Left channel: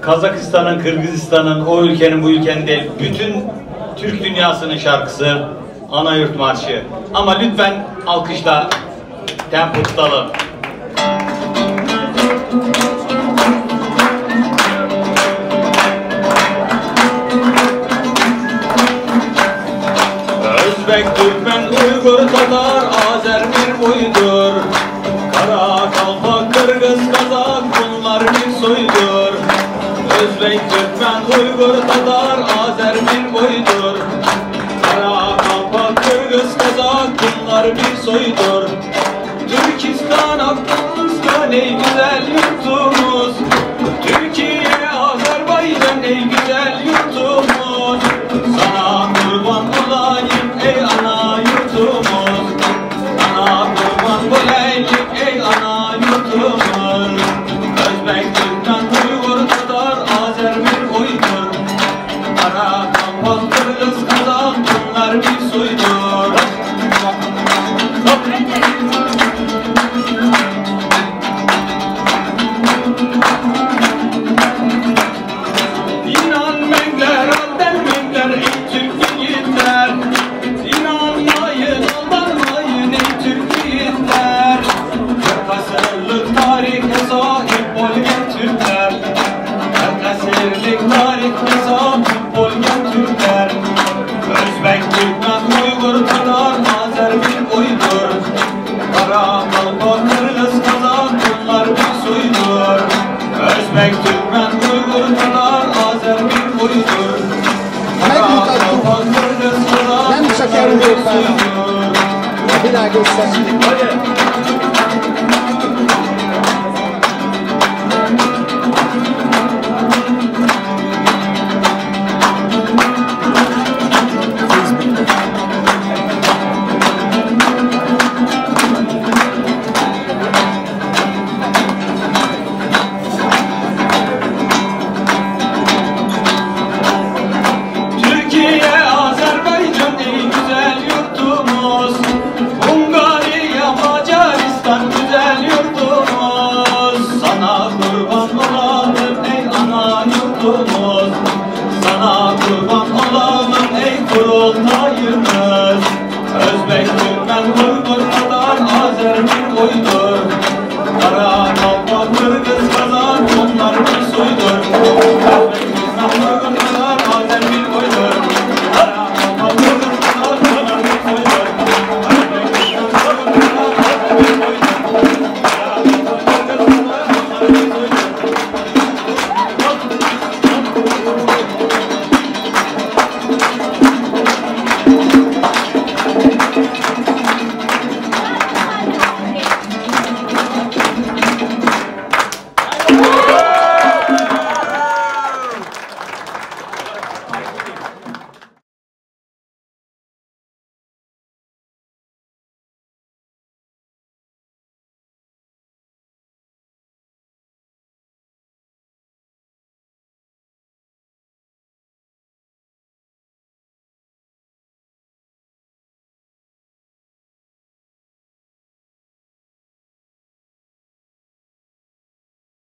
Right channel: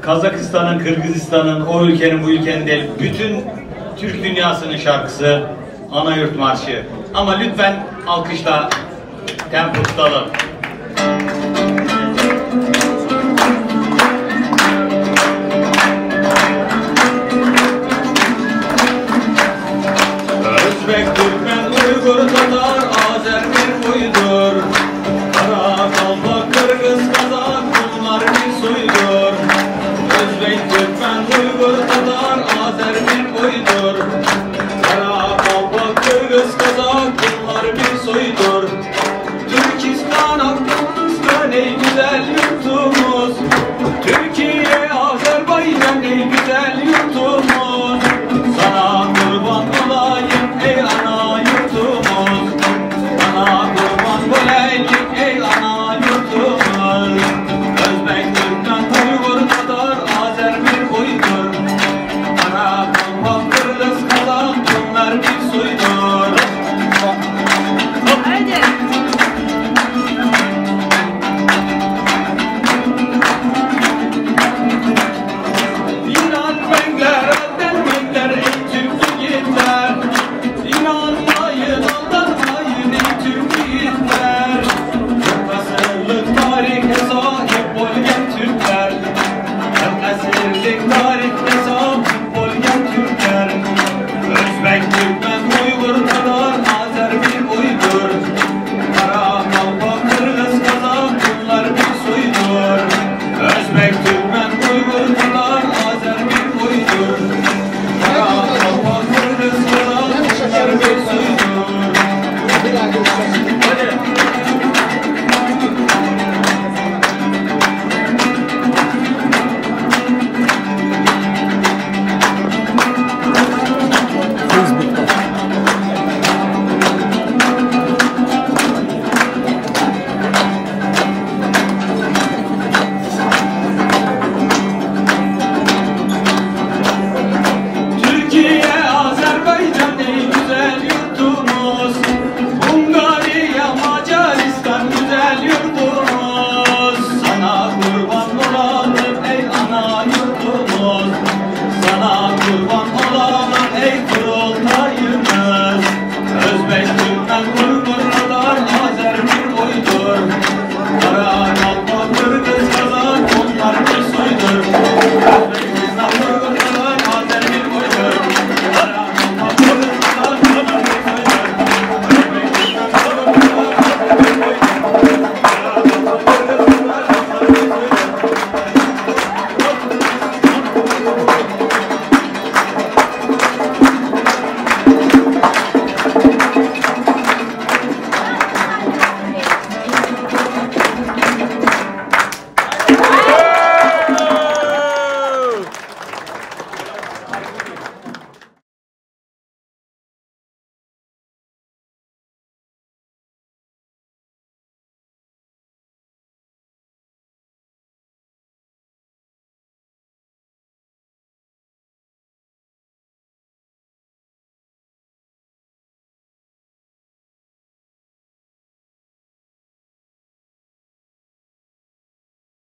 Kazakistan'ın, Kırgızistan'ın, o ülkenin, bu ülkenin değil, bütün Türk dünyasının şarkısı Anayurt Marşı. Ama lütfen alkışla tempo tutalım. Özbek, Türkmen, Uygur, Tatar, Azer bir boydur. Kara, Kalpak, Kırgız, Kazak bunlar bir soydur. Özbek, Türkmen, Uygur, Tatar, Azer bir boydur. Kara, Kalpak, Kırgız, Kazak bunlar bir soydur. Türkistan, Afganistan ey güzel yurtumuz. Türkiye, Azerbaycan ey güzel yurtumuz. Sana kurban olayım ey ana yurtumuz. Sana kurban olayım ey ana yurtumuz. Özbek, Türkmen, Uygur, Tatar, Azer bir boydur. Kara, Kalpak, Kırgız, Kazak bunlar bir soydur. İnan Mengler, Alper Mengler ey Türk yiğitler. İnanmayın, aldanmayın ey Türk yiğitler. Kırk asırlık tarihe sahip olgen Türkler. Kırk asırlık tarihe sahip olgen Türkler. Özbek, Türkmen, Uygur, Tatar, Azer bir boydur. Kara, Kalpak, Kırgız, Kazak bunlar bir soydur. Özbek, Türkmen, Uygur, Tatar, Azer bir boydur. Kara, Kalpak, Kırgız, Kazak bunlar bir soydur. Bir daha göstereyim. Türkiye, Azerbaycan ey güzel yurtumuz. Hungarya, Macaristan güzel yurtumuz. Sana kurban olalım ey ana yurtumuz. Sana kurban olalım ey kurultayımız. Özbek, Türkmen, Uygur, Tatar, Azer bir boydur.